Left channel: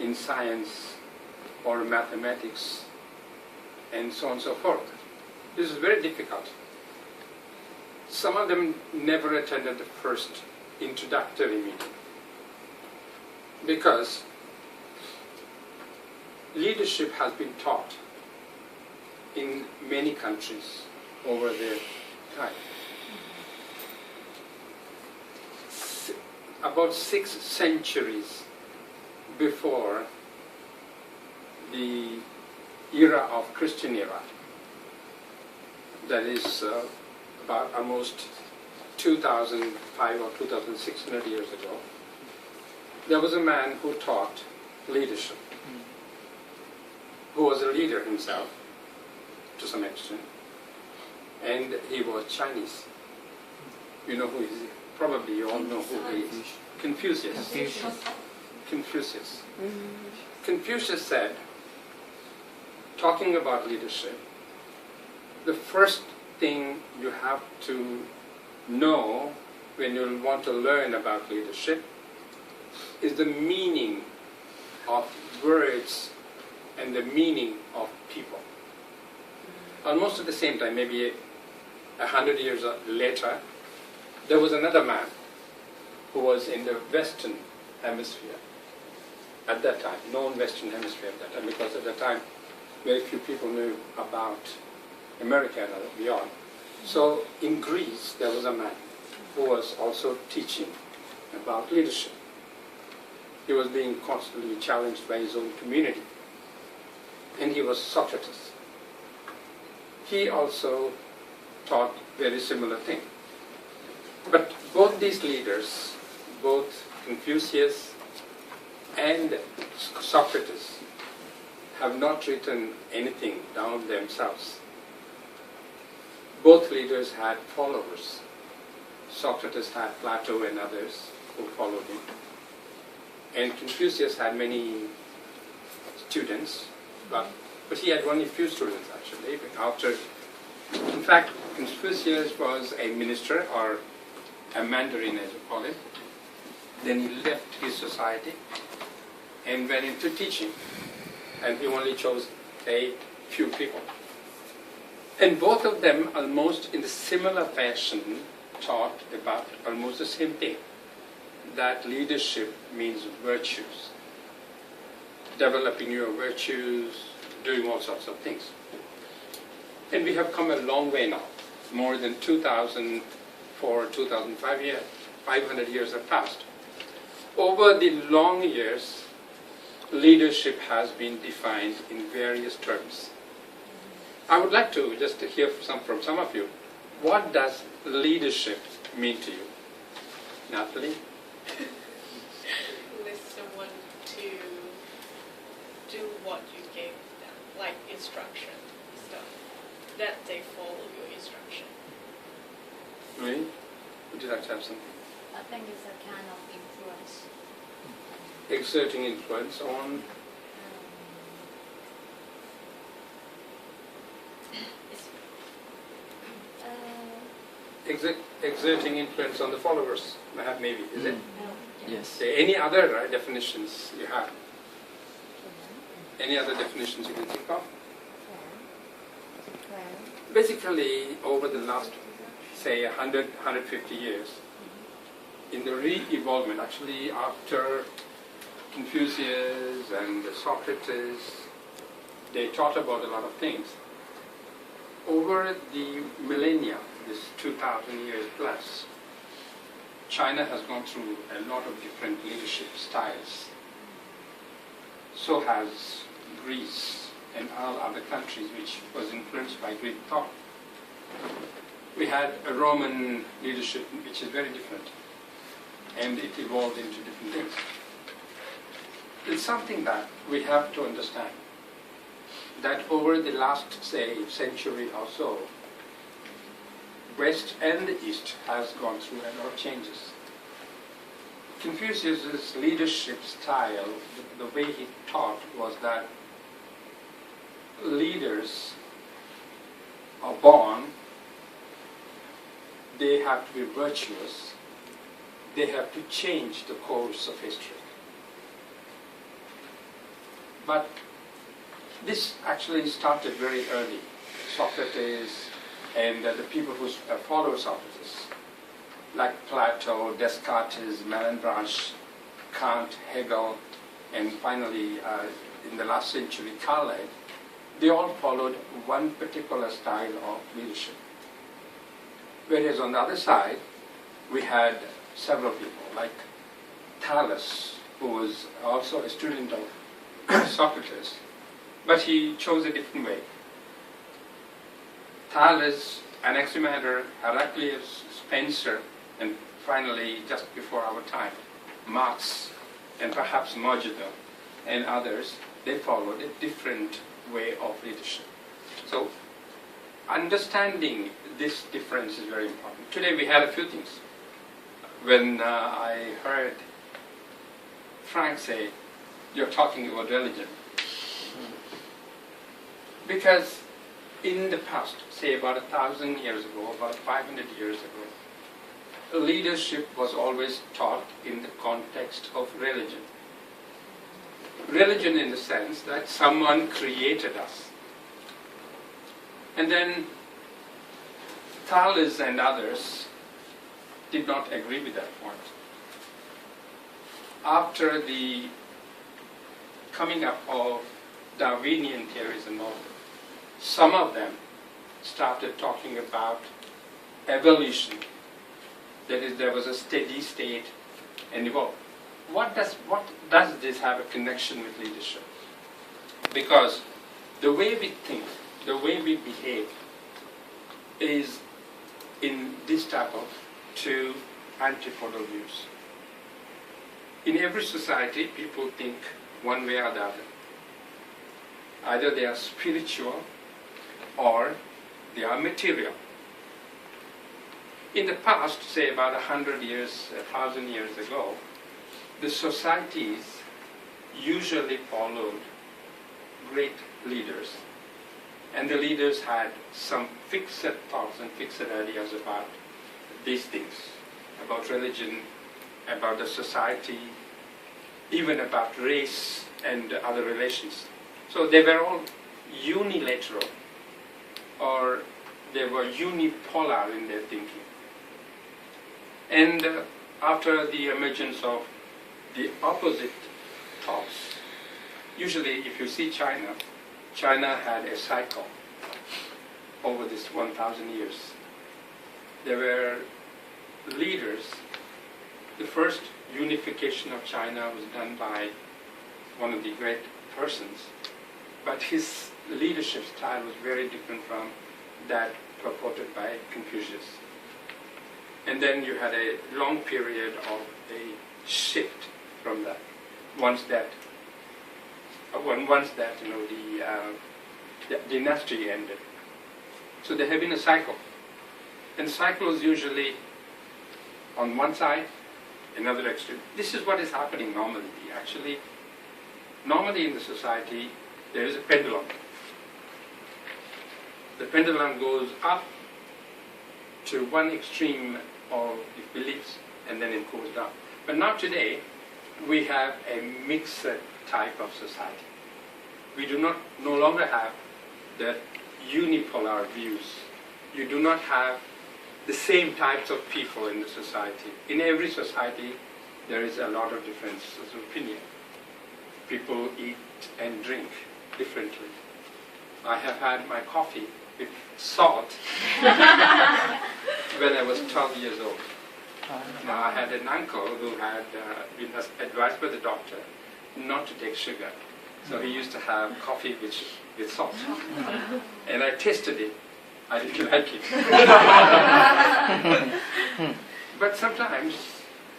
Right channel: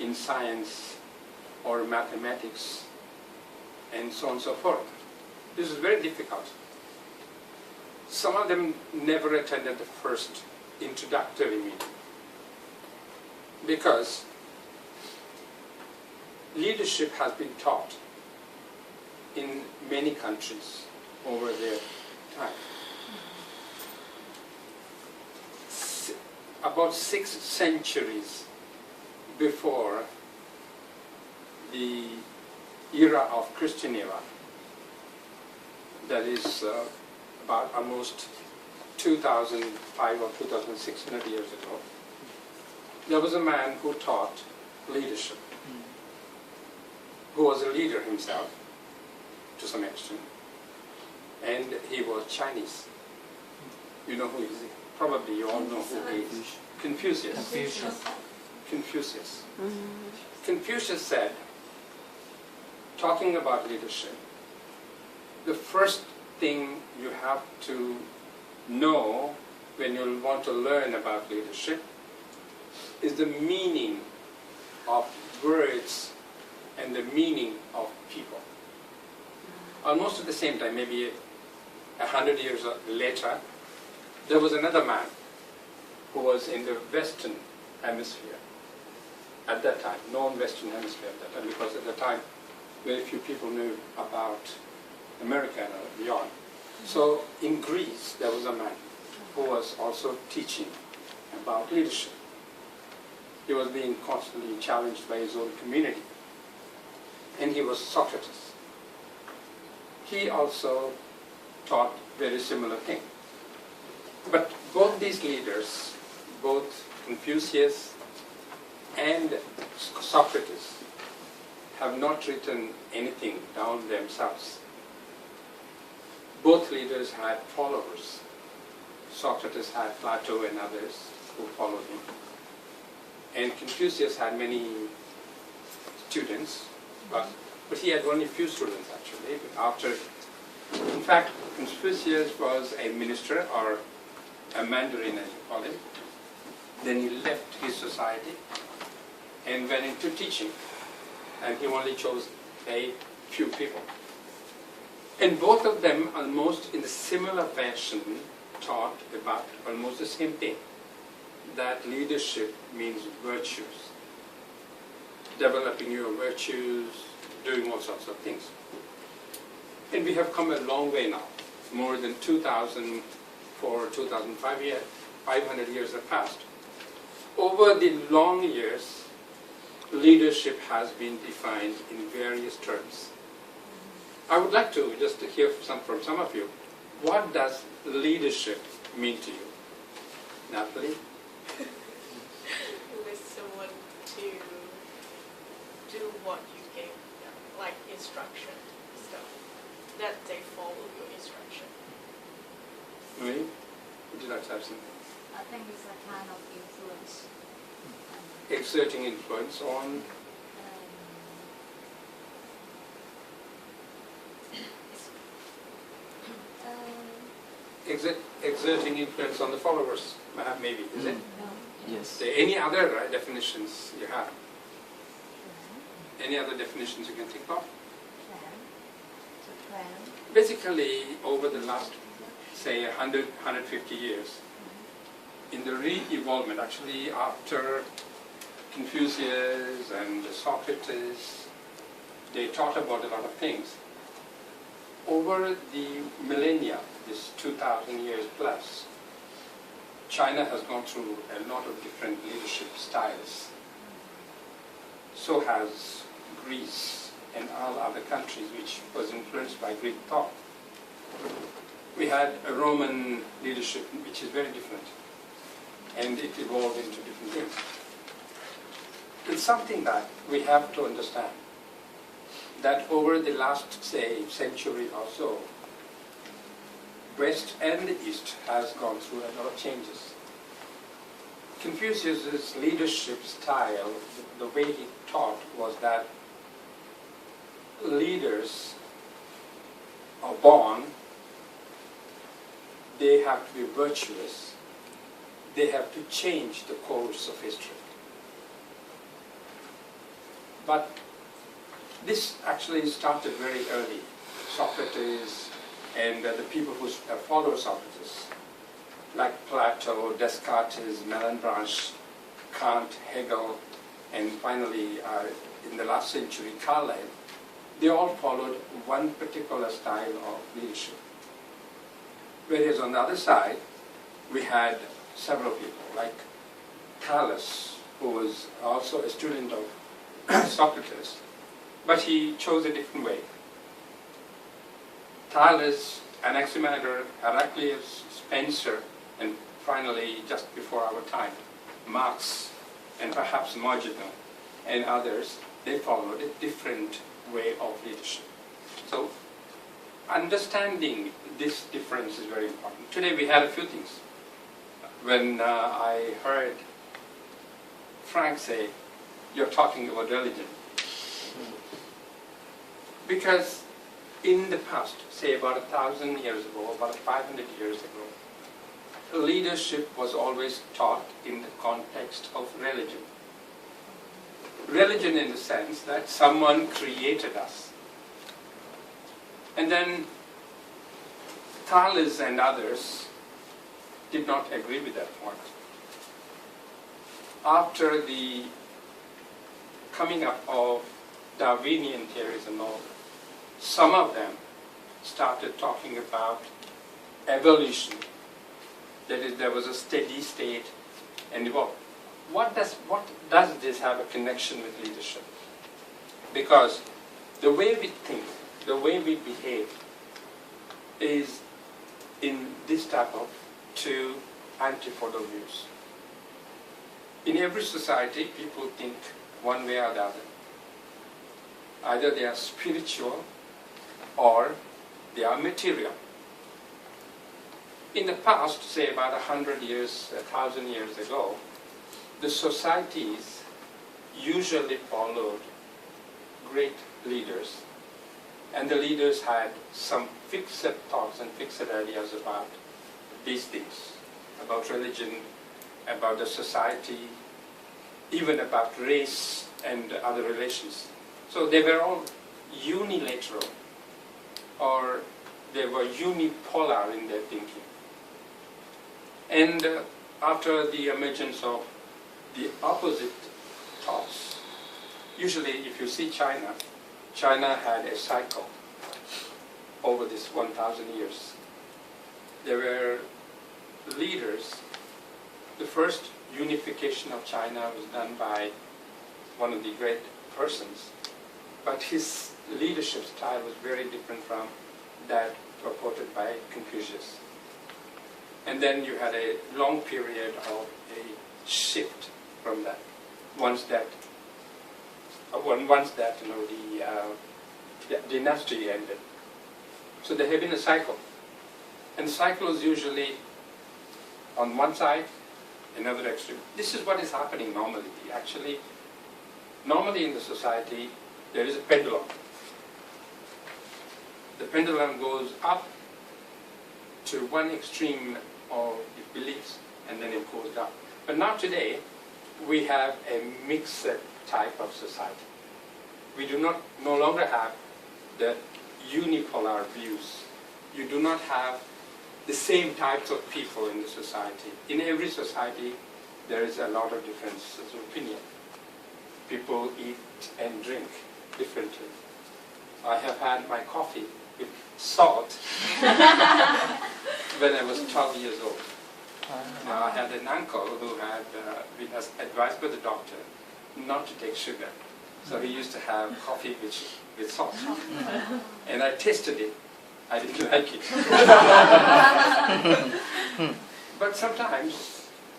in science or mathematics and so on and so forth. This is very difficult. Some of them never attended the first introductory meeting because leadership has been taught in many countries over their time. About 6 centuries before the era of Christian era, that is about almost 2,500 or 2,600 years ago, there was a man who taught leadership, who was a leader himself to some extent, and he was Chinese. You know who he is? Probably you all know who he is. Confucius. Confucius. Confucius said, talking about leadership, the first thing you have to know when you want to learn about leadership is the meaning of words and the meaning of people. Almost at the same time, maybe 100 years later, there was another man who was in the Western Hemisphere at that time, known Western Hemisphere at that time, because at the time very few people knew about America and beyond. So in Greece, there was a man who was also teaching about leadership. He was being constantly challenged by his own community. And he was Socrates. He also taught very similar thing. But both these leaders, both Confucius and Socrates, have not written anything down themselves. Both leaders had followers. Socrates had Plato and others who followed him. And Confucius had many students, but he had only few students actually. In fact, Confucius was a minister or a mandarin as you call it. Then he left his society and went into teaching. And he only chose a few people. And both of them, almost in a similar fashion, taught about almost the same thing, that leadership means virtues, developing your virtues, doing all sorts of things. And we have come a long way now. More than 2,500 years have passed. Over the long years, leadership has been defined in various terms. I would like to just hear from some of you. What does leadership mean to you? Natalie? With someone to do what you gave them, like instruction stuff, that they follow your instruction. Really? Would you like to have some? I think it's a kind of influence. Exerting influence on? Exerting influence on the followers, maybe, is it? Yes. Any other definitions you have? Any other definitions you can think of? Basically, over the last, say, 100, 150 years, in the re-evolvement, actually after Confucius and Socrates, they taught about a lot of things. Over the millennia, this 2,000 years plus, China has gone through a lot of different leadership styles. So has Greece and all other countries which was influenced by Greek thought. We had a Roman leadership which is very different, and it evolved into different things. It's something that we have to understand, that over the last, say, century or so, West and the East has gone through a lot of changes. Confucius' leadership style, the way he taught, was that leaders are born, they have to be virtuous, they have to change the course of history. But this actually started very early. Socrates and the people who follow Socrates, like Plato, Descartes, Malebranche, Kant, Hegel, and finally in the last century, Carlyle, they all followed one particular style of leadership. Whereas on the other side, we had several people, like Thales, who was also a student of Socrates, but he chose a different way. Thales, Anaximander, Heraclius, Spencer, and finally, just before our time, Marx, and perhaps Mojito, and others, they followed a different way of leadership. So, understanding this difference is very important. Today we had a few things. When I heard Frank say, you're talking about religion. Because in the past, say about 1,000 years ago, about 500 years ago, leadership was always taught in the context of religion. Religion in the sense that someone created us. And then Thales and others did not agree with that point. After the coming up of Darwinian theories and all, some of them started talking about evolution. That is, there was a steady state and evolved. What does this have a connection with leadership? Because the way we think, the way we behave is in this type of two antipodal views. In every society, people think one way or the other. Either they are spiritual or they are material. In the past, say about 100 years, 1,000 years ago, the societies usually followed great leaders, and the leaders had some fixed thoughts and fixed ideas about these things, about religion, about the society, even about race and other relations. So they were all unilateral, or they were unipolar in their thinking. And after the emergence of the opposite thoughts, usually if you see China, China had a cycle over this 1,000 years. There were leaders. The first unification of China was done by one of the great persons, but his leadership style was very different from that purported by Confucius. And then you had a long period of a shift from that. Once that the dynasty ended. So there had been a cycle. And the cycle is usually on one side, another extreme. This is what is happening normally. Actually, normally in the society, there is a pendulum. The pendulum goes up to one extreme of the beliefs, and then it goes down. But now today, we have a mixed type of society. We do not no longer have the unipolar views. You do not have the same types of people in the society. In every society, there is a lot of differences of opinion. People eat and drink differently. I have had my coffee with salt when I was 12 years old. Now, I had an uncle who had been advised by the doctor not to take sugar. So he used to have coffee with salt. And I tasted it. I didn't like it. But sometimes,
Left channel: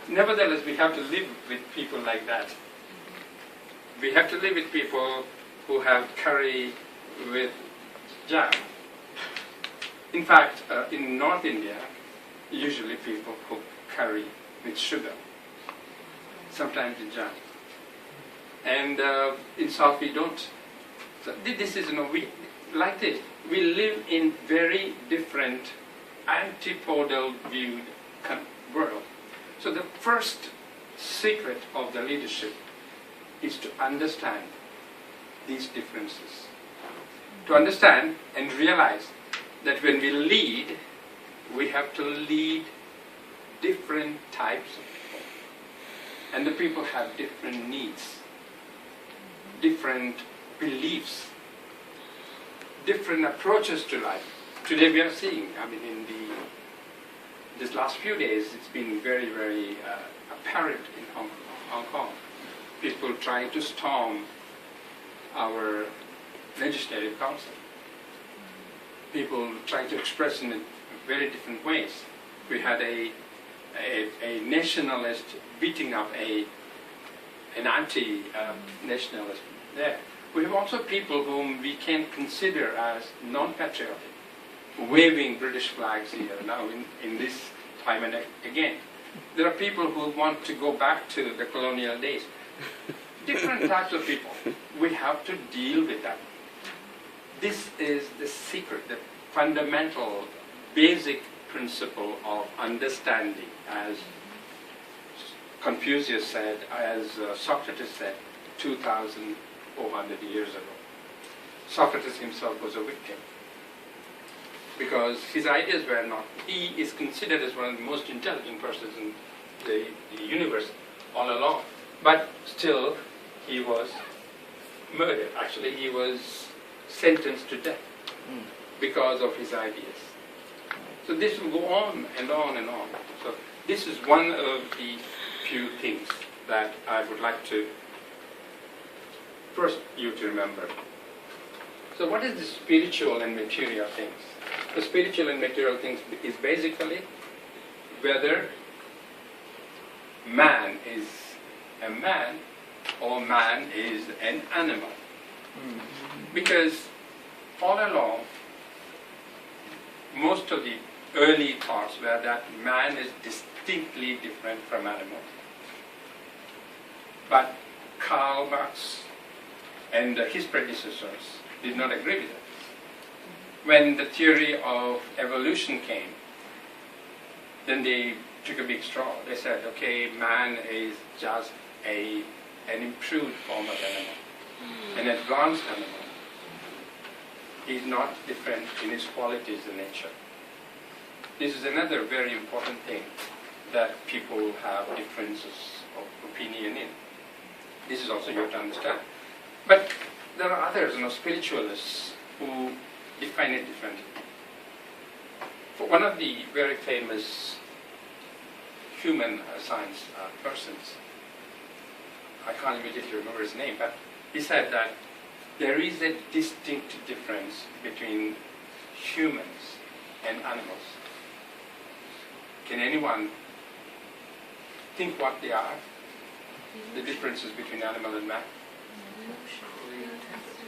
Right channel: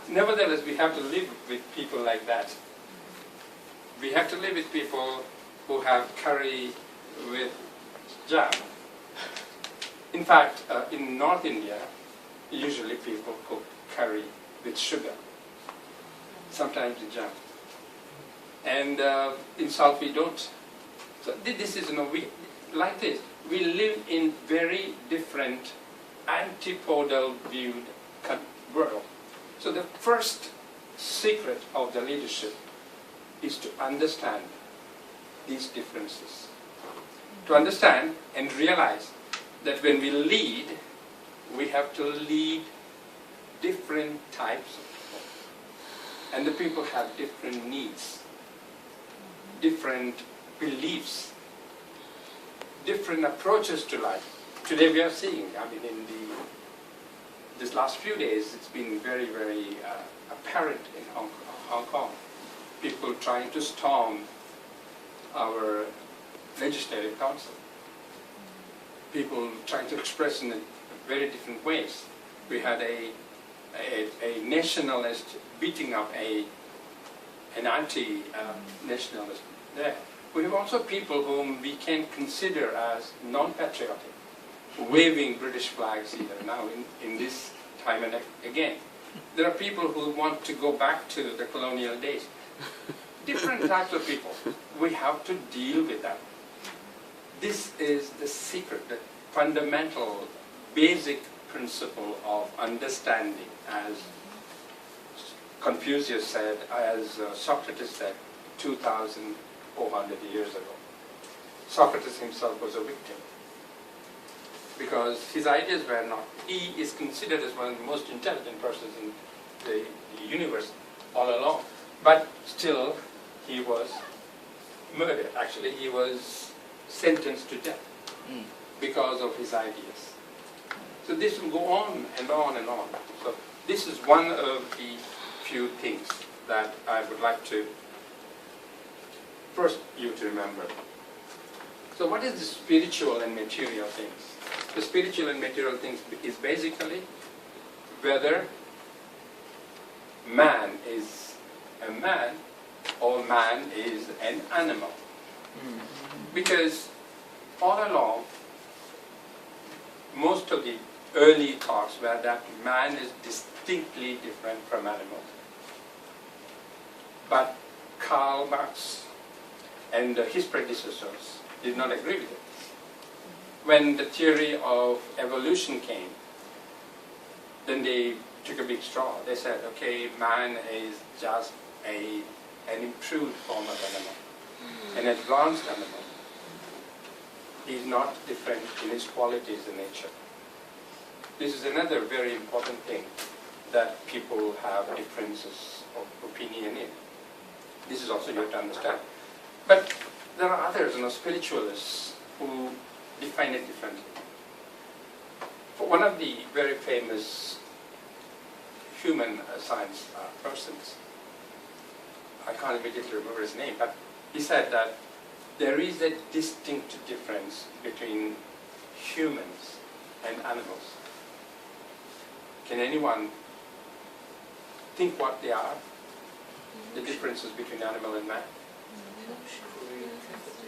nevertheless, we have to live with people like that. We have to live with people who have curry with jam. In fact, in North India, usually people cook curry with sugar, sometimes with jam. And in South we don't. So this is, we like this. We live in very different antipodal viewed world. So the first secret of the leadership is to understand these differences. To understand and realize that when we lead, we have to lead different types of people. And the people have different needs, different beliefs, different approaches to life. Today we are seeing, I mean, in this last few days, it's been very, very apparent in Hong Kong. People trying to storm our legislative council. People trying to express in very different ways. We had a nationalist beating up an anti-nationalist there. We have also people whom we can consider as non-patriotic, waving British flags here now in this time and again. There are people who want to go back to the colonial days. Different types of people. We have to deal with that. This is the secret, the fundamental, basic principle of understanding, as Confucius said, as Socrates said 2,400 years ago. Socrates himself was a victim because his ideas were not, he is considered as one of the most intelligent persons in the universe all along, but still he was murdered. Actually, he was sentenced to death because of his ideas. So this will go on and on and on. So this is one of the few things that I would like to first you to remember. So what is the spiritual and material things? The spiritual and material things is basically whether man is a man or man is an animal. Because all along, most of the early thoughts were that man is distinctly different from animals. But Karl Marx and his predecessors did not agree with it. When the theory of evolution came, then they took a big straw. They said, okay, man is just an improved form of animal, an advanced animal. He's not different in his qualities and nature. This is another very important thing that people have differences of opinion in. This is also you have to understand. But there are others, spiritualists, who define it differently. For one of the very famous human science persons, I can't immediately remember his name, but he said that there is a distinct difference between humans and animals. Can anyone think what they are? The differences between animal and man?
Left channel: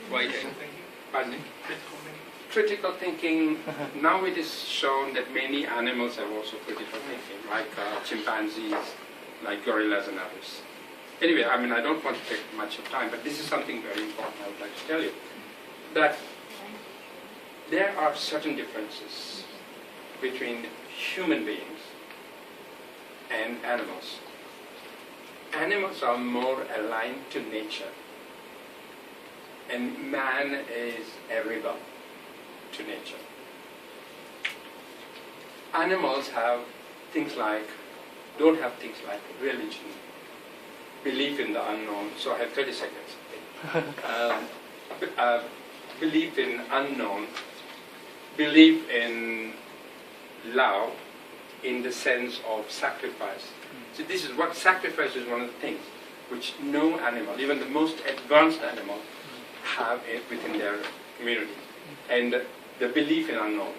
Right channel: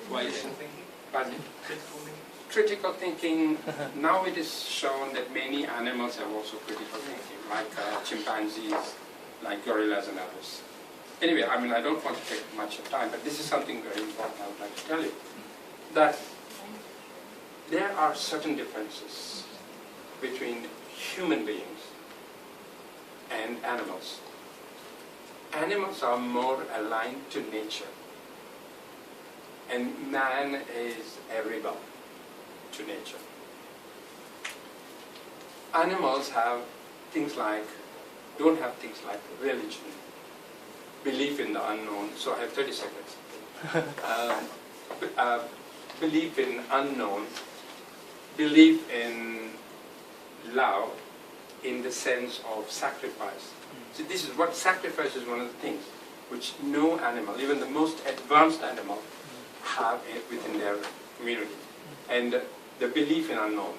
Why? Pardon me? Critical thinking. Now it is shown that many animals have also critical thinking, like chimpanzees, like gorillas and others. Anyway, I mean, I don't want to take much of time, but this is something very important I would like to tell you. That there are certain differences between human beings and animals. Animals are more aligned to nature, and man is a rebel to nature. Animals have things like, don't have things like religion, belief in the unknown. So I have 30 seconds. Belief in unknown, belief in love in the sense of sacrifice. So this is what sacrifice is, one of the things which no animal, even the most advanced animal, have it within their community. And the belief in unknown.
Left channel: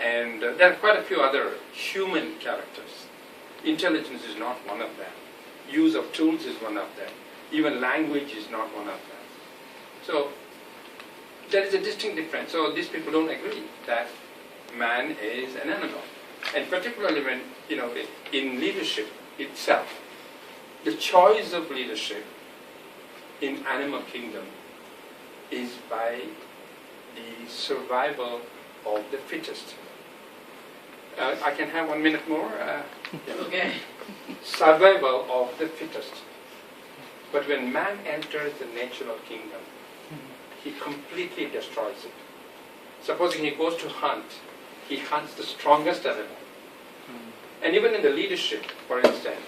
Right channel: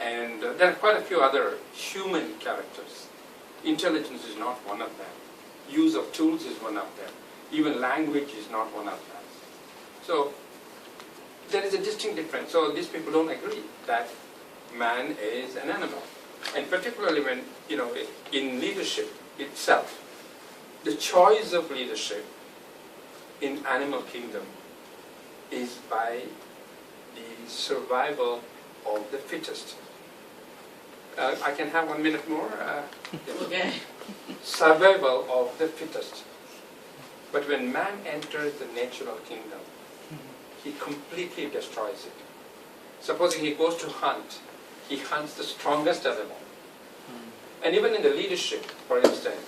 And there are quite a few other human characters. Intelligence is not one of them. Use of tools is one of them. Even language is not one of them. So there is a distinct difference. So these people don't agree that man is an animal. And particularly when, in leadership itself, the choice of leadership in animal kingdom is by the survival of the fittest. I can have 1 minute more? Okay. Survival of the fittest. But when man enters the natural kingdom, he completely destroys it. Supposing he goes to hunt, he hunts the strongest animal. And even in the leadership, for instance,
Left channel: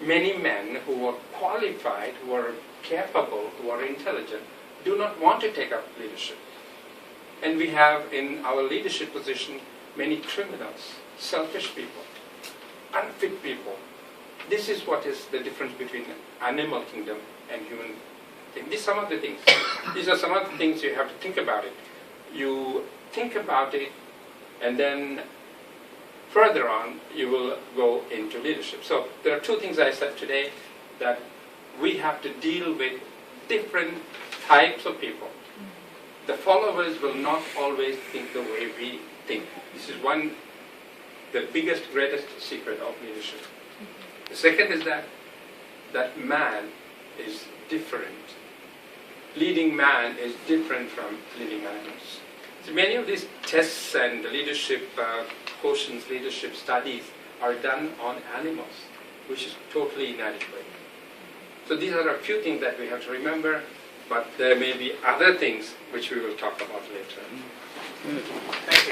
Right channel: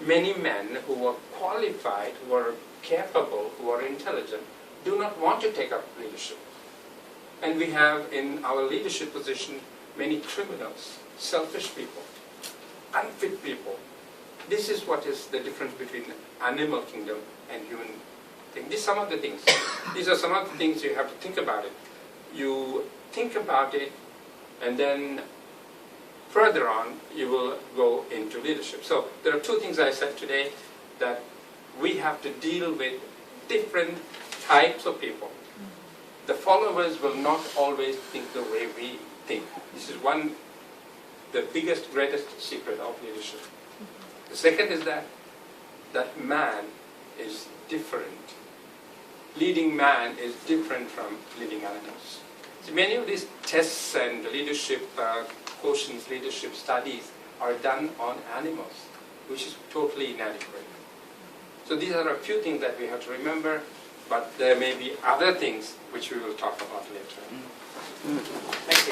many men who are qualified, who are capable, who are intelligent, do not want to take up leadership. And we have in our leadership position many criminals, selfish people, unfit people. This is what is the difference between animal kingdom and human kingdom. These are some of the things. These are some of the things you have to think about it. You think about it, and then further on, you will go into leadership. So there are two things I said today, that we have to deal with different types of people. The followers will not always think the way we think. This is the biggest, greatest secret of leadership. The second is that man is different. Leading man is different from leading animals. So many of these tests and leadership quotients, leadership studies are done on animals, which is totally inadequate. So these are a few things that we have to remember, but there may be other things which we will talk about later. Thank you.